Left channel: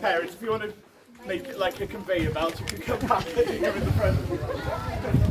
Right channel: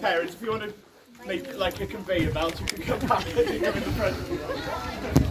Parents, if you want to make it like a conveyor belt, you can come back and give me the present.